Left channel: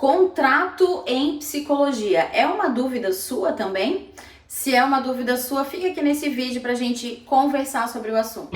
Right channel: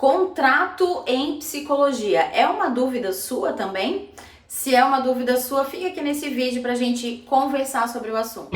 Contrato em psicologia é uma dúvida sua também? Se é uma dúvida sua, fica aqui nesse vídeo para a gente conversar sobre o assunto.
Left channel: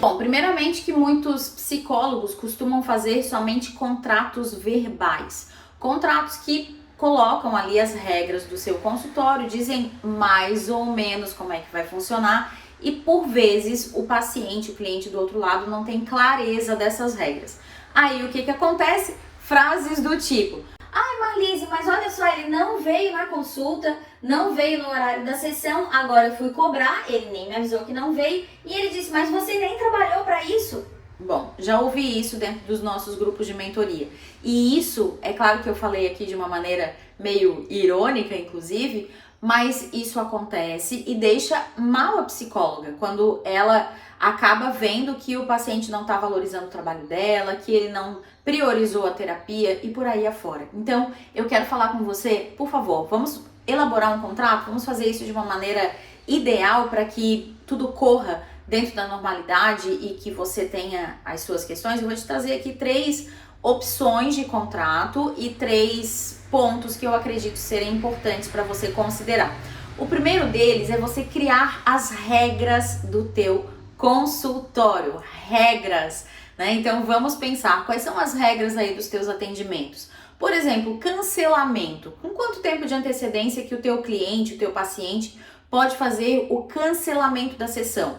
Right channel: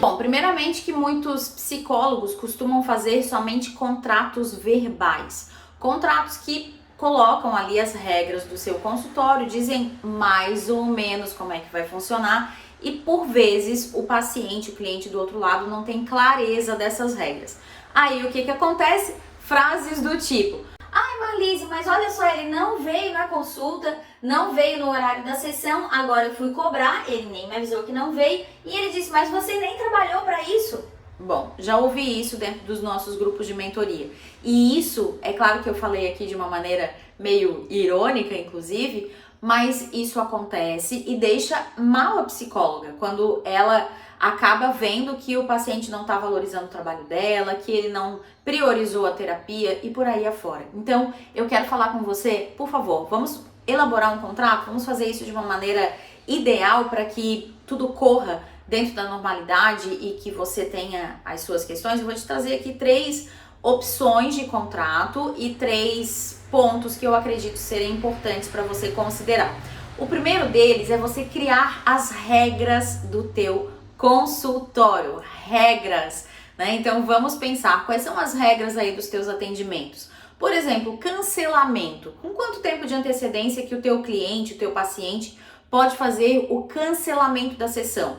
Bom, primeiramente que muitos psicólogos costumam fazer somente contratos verbais. Contratos que colocam ali as regras do seu consultório, dizem mais ou menos como é que vai funcionar e por vezes o paciente, o cliente do outro lado não tem clareza dessas regras. Aí o que acontece? Frases do tipo: ai, Marlise, mas olha só, ele não veio na consulta, não veio no horário da sessão, agora eu fui cobrar, ele nem me avisou que não veio, e ele disse, mas você nem trabalhou para isso. Bom, já ouvi isso dentro dos nossos grupos de mentoria. E isso, é claro que eu falei aqui de uma maneira meio irônica, inclusive, mas isso acontece e deixa mal a psicóloga, quando ela acaba vendo que o paciente não está valorizando o trabalho dela, que ele não priorizou a terapia e por aí afora. Então, eu quero falar com você, por favor, vamos elaborar um contrato, vamos fazer isso de uma maneira ideal para que tudo corra dentro da normalidade e que você tenha as suas questões. Eu vou te trazer aqui 3 opções de contrato e 3 pontos que eu acredito serem importantes para você considerar. O primeiro deles é você criar as regras do teu consultório, regras, né? Então vamos pensar quais são as regras aí dos teus atendimentos. Por exemplo, cancelamento. Com quanto tempo de antecedência que o teu cliente, o teu paciente pode fazer o cancelamento da sessão?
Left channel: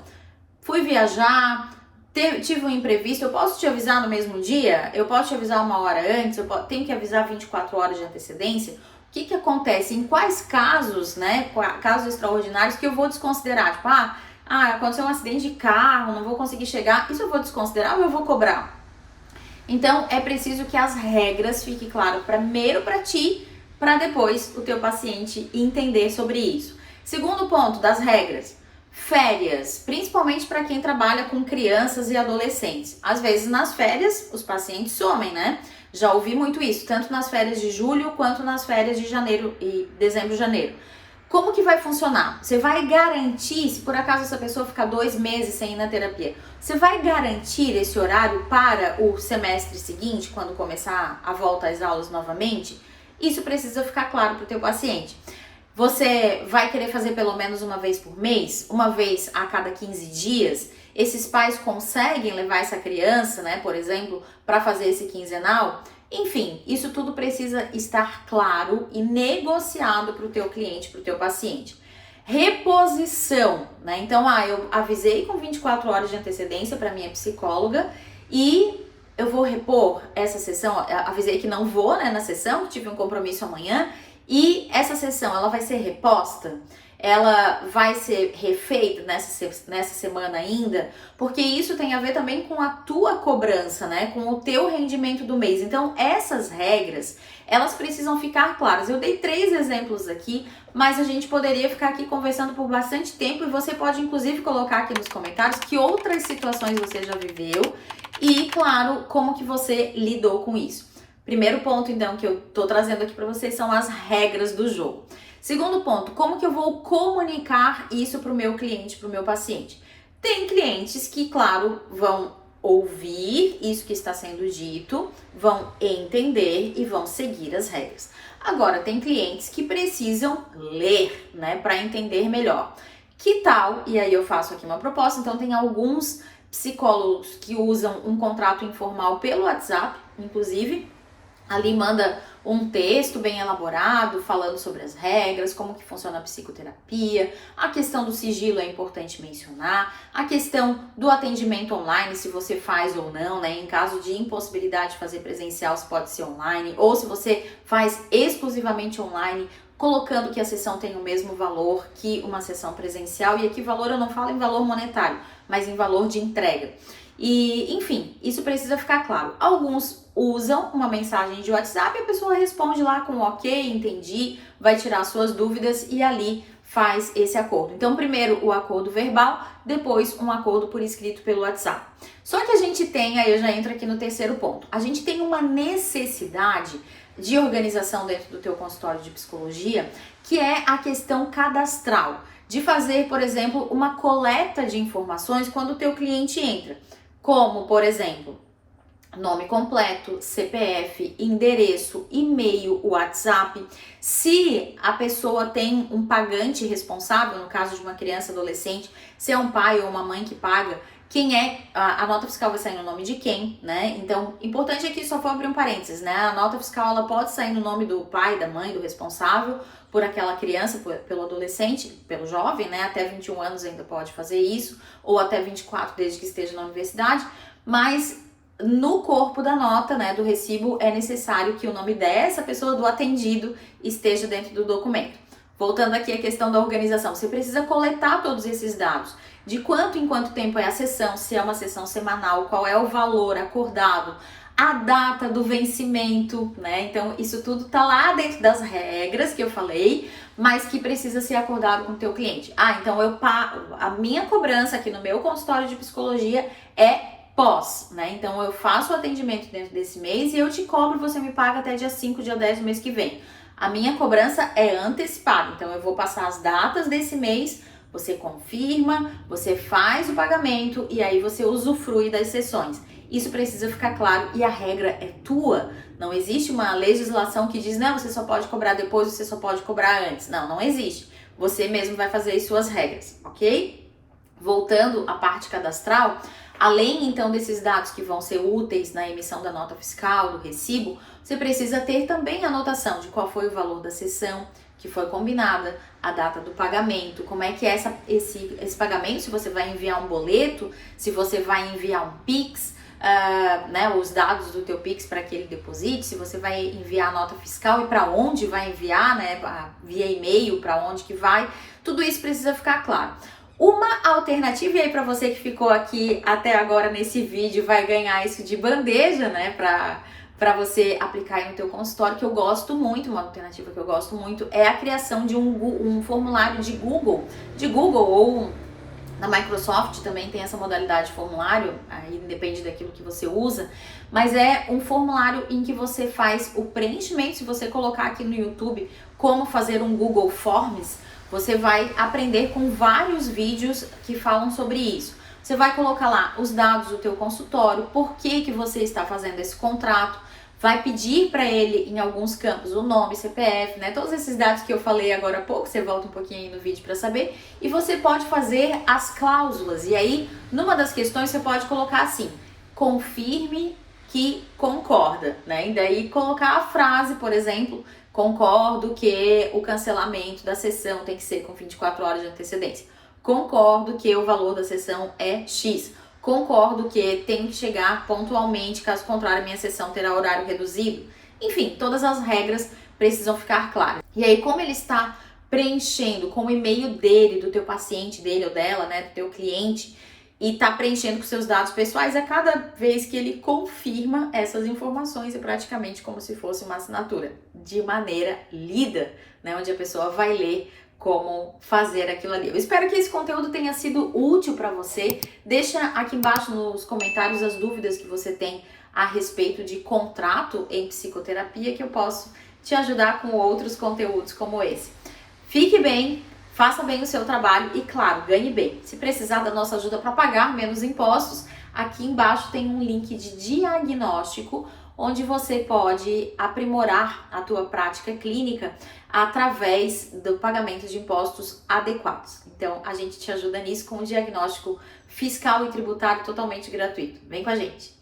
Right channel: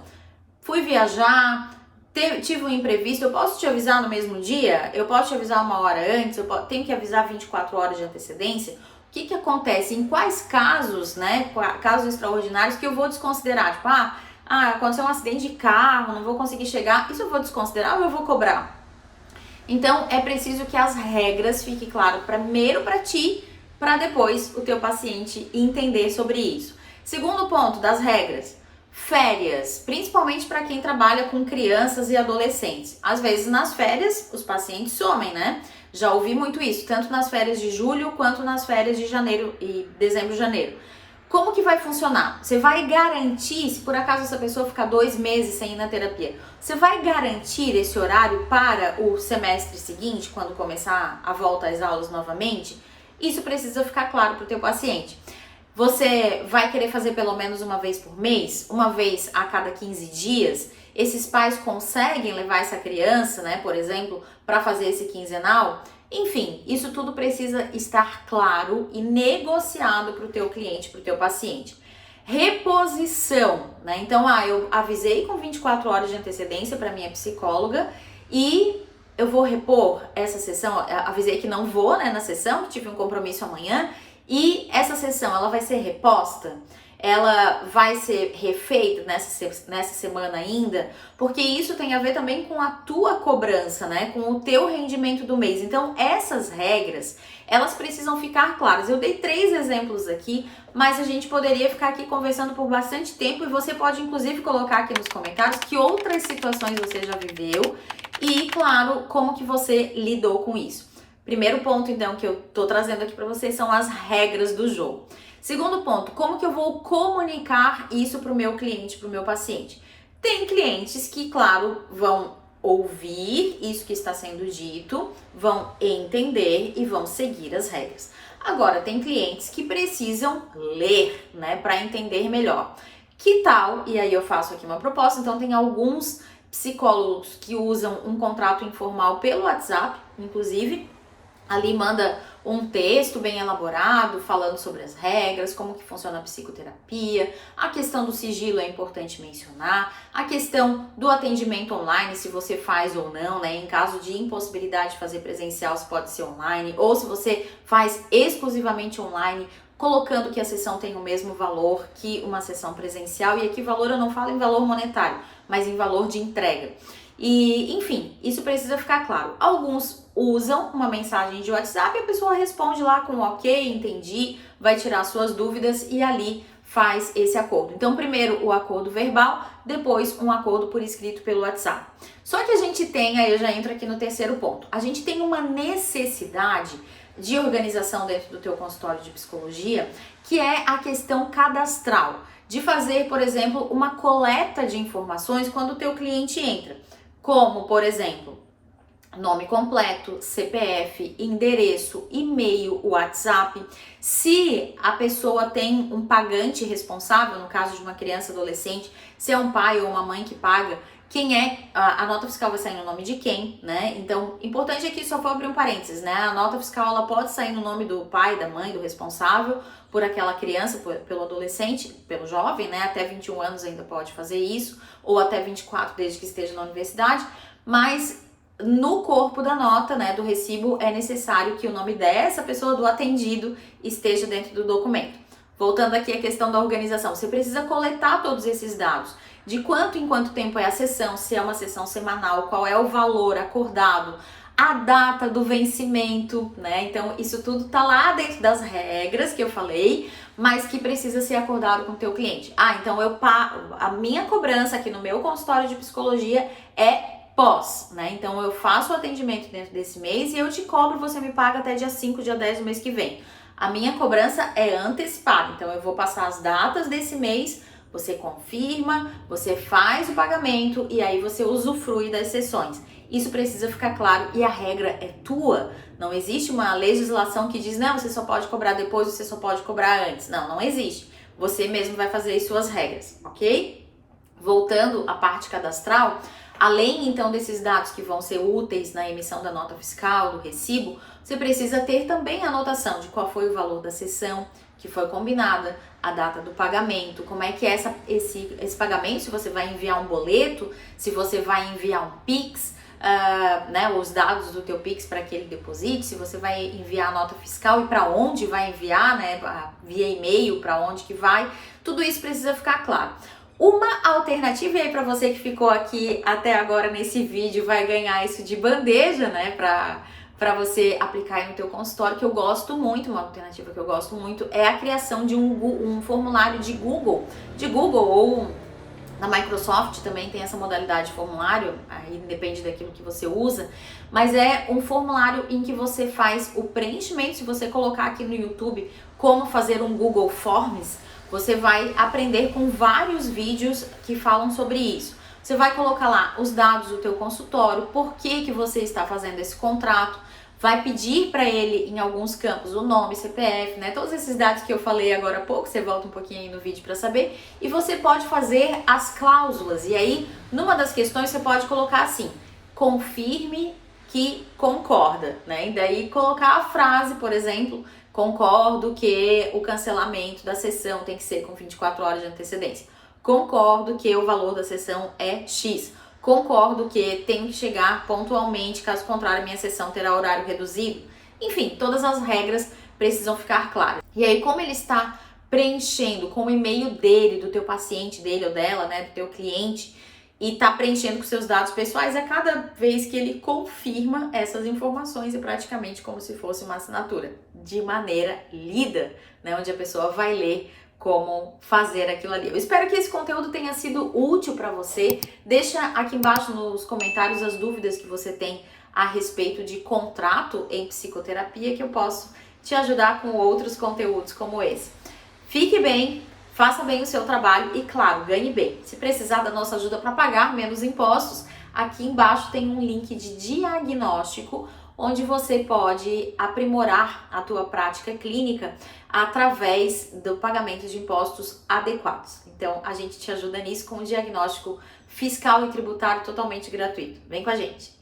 Fui viajar, tive um imprevisto, eu posso te avisar no mesmo dia? Eu posso te avisar 1 hora antes? Tenho que avisar 24 horas de antecedência? O que acontece? Em quais casos, né, casos extraordinários que eu vou desconsiderar? Tipo, aconteceu um acidente de carro, não vou conseguir chegar, isso eu vou desconsiderar ou eu vou cobrar? Então, é preciso que as regras fiquem claras primeiro para ti, para depois o teu paciente entender sobre isso. Segundo ponto das regras, férias, principalmente para quem trabalha com crianças e adolescentes. Às vezes nas férias os pacientes somem, né? Já ouvi muito isso, tanto nas férias de julho quanto nas férias de janeiro e dezembro, janeiro. Como que vai funcionar? Você vai garantir, se por acaso essa pessoa ficar 2 meses sem ir na terapia, você vai garantir esse horário para o semestre seguinte, quando começar a volta às aulas novamente? Isso precisa ficar claro para o teu paciente. Você vai querer fazer pelo menos uma vez por mês? Uma vez a cada 15 dias? Esses pais conseguem levar essa criança, né, por exemplo, para fazer esse quinzenal? Enfim, isso tudo precisa estar claro e negociado para o teu cliente, para o teu paciente. Reposição, né? Então, eu avisei com 24 horas de antecedência para minha psicóloga e eu vou repor essa sessão. Avisei que não vou, né, na sessão, tive um compromisso amanhã. E essa sessão, ela vai ser reposta? Ela vai ser refeita nessa semana ainda? Porque isso tem a ver também com a tua cobrança, né? Com o teu rendimento do mês. Então, essas regras, elas precisam ficar claras. Eu dei 3 exemplos aqui, mas a gente poderia ficar aqui conversando por bastante tempo e você pode, inclusive, colocar aqui nos comentários que outras situações você já viveu e, claro, como que você lidou com isso. Primeiro ponto, então, que eu tô trazendo aqui para vocês são as regras do jogo. Segundo ponto, como que eu vou comunicar isso para o meu cliente, para o meu paciente? Tem clientes que, claro, vão ouvir isso que está sendo dito, vão entender e vão seguir as regras. Agora, tem clientes que precisam ler, né, para entender melhor. Que tal? E aí eu faço aqui uma proposta, então tem alguns psicólogos que usam um contrato informal pelo WhatsApp, inclusive. Ali manda um texto bem elaborado, falando sobre as regras, como que funciona a psicoterapia, a questão do sigilo é importante mencionar, a questão do atendimento online, se você faz ou não, né? Em caso de impossibilidade de fazer presencial, se pode ser online, ou se você faz exclusivamente online, colocando que a sessão tem o mesmo valor que uma sessão presencial, e aqui valor eu não falo em valor monetário, mas em valor de entrega. E, enfim, isso precisa ficar claro. Alguns usam uma mensagem de WhatsApp e a pessoa responde lá com ok, entendi, vai tirar suas dúvidas e ali faz esse acordo. Então, primeiro o acordo verbal, depois um acordo por escrito pelo WhatsApp. Só que a gente tem, aí eu já entro aqui no terceiro ponto, a gente tem uma necessidade de organização dentro do teu consultório de psicologia, que é a questão cadastral, de fazer, por exemplo, uma coleta de informações quando o teu cliente entra. como, por exemplo, nome completo, CPF, endereço, e-mail, WhatsApp. Se a pessoa tem um pagante responsável, no caso de uma criança ou adolescente, se é um pai ou uma mãe que paga, quem é, a nota fiscal vai sair no nome de quem, né? Então, importante aqui, só vou abrir um parênteses, né? A nota fiscal, ela pode sair no nome do pai, da mãe, do responsável por aquela criança, pelo adolescente, pelo jovem, né? Até 21 anos ainda pode fazer isso, ou até 24, desde que esteja na universidade, mas no corpo da nota, né, do recibo, é necessário que o nome dessa pessoa, do atendido, esteja dentro do documento. Voltando aqui à questão da organização, você precisa coletar todos esses dados. De quanto em quanto tempo é a sessão, se é uma sessão semanal, qual é o valor acordado, a data do vencimento, né? Então, isso tudo tá lá dentro das regras que eu falei, mas que precisa ser acordado com o teu cliente. Então a minha cobrança aqui no meu consultório de psicologia é pós, né? Então eu faço o atendimento dentro desse mês e eu te cobro, você me paga até dia 5, dia 10 do mês que vem. A minha cobrança é antecipada, então eu vou passar as datas desse mês, você confirma, você faz o pagamento e aí você usufrui das sessões. Isso precisa ficar claro e a regra é tua. Não existe uma legislação que diz, não, você só pode cobrar depois, você só pode cobrar antes. Não, não existe. Você mesmo vai fazer as suas regras, ok? Voltando à parte cadastral, além então desses dados que vão ser úteis na emissão da nota fiscal, do recibo, você precisa ter também a anotação de qual foi o valor da sessão que foi combinada, a data do pagamento, como é que é esse pagamento, se você vai enviar um boleto, se você vai enviar um Pix, né, os dados do teu Pix para que ele deposite, se você vai enviar a nota fiscal e para onde vai enviar, né, via e-mail, para onde que vai, tudo isso precisa ficar claro. Uma alternativa, e aí para você que ficou aqui até agora nesse vídeo, vai ganhar isso de bandeja, né, para você aplicar aí no teu consultório, que eu gosto muito, uma alternativa que eu gosto muito, é a criação de um formulário de Google ou na Microsoft também tem essa modalidade de formulário, aí depende daquilo que você usa, mas é um formulário em que você faz o preenchimento. Se você colocar aqui no YouTube como fazer um Google Forms, você vai aprender com vários vídeos que falam sobre isso. Você vai colocar lá os dados do teu consultório, por que você está fazendo esse contrato, vai pedir para ele em alguns campos o nome, CPF, né? Todos esses dados que eu falei agora há pouco, você volta um pouquinho aí no vídeo para saber, e você pode fazer as cláusulas. E aí, numa das questões você pode colocar assim: confirme que concorda, né? E daí colocar a frase, por exemplo, concordo que o cancelamento da sessão tem que ser com 24 horas de antecedência. Concordo que o valor da sessão é X. Concordo que tenho que chegar pontualmente, caso contrário, minha sessão terá horário reduzido. Enfim, todas as regras precisam ficar claras. E aí, como ele está preenchendo com o e-mail dele, do teu paciente, dele ou dela, né, do teu cliente, e está preenchendo com seus dados pessoais, é cada vez que ele confirma essas informações, e praticamente como se fosse uma assinatura, de maneira lida, né, onde a pessoa vai ler como fazer aquilo ali. Eu espero que esse conteúdo tenha sido útil para você. Deixa aqui embaixo nos comentários as dúvidas que você tem a respeito de contrato em psicoterapia, que eu posso te ajudar com outros conteúdos como esse. Fique bem, faça bem o seu trabalho e, claro, ganhe bem. Se precisar da nossa ajuda para pagar menos impostos, aqui embaixo tem um link de diagnóstico, onde você pode aprimorar a tua prática clínica através do pagamento de impostos adequados. Então, a gente te ajuda nisso com um diagnóstico fiscal e tributário totalmente gratuito. Vem com a gente!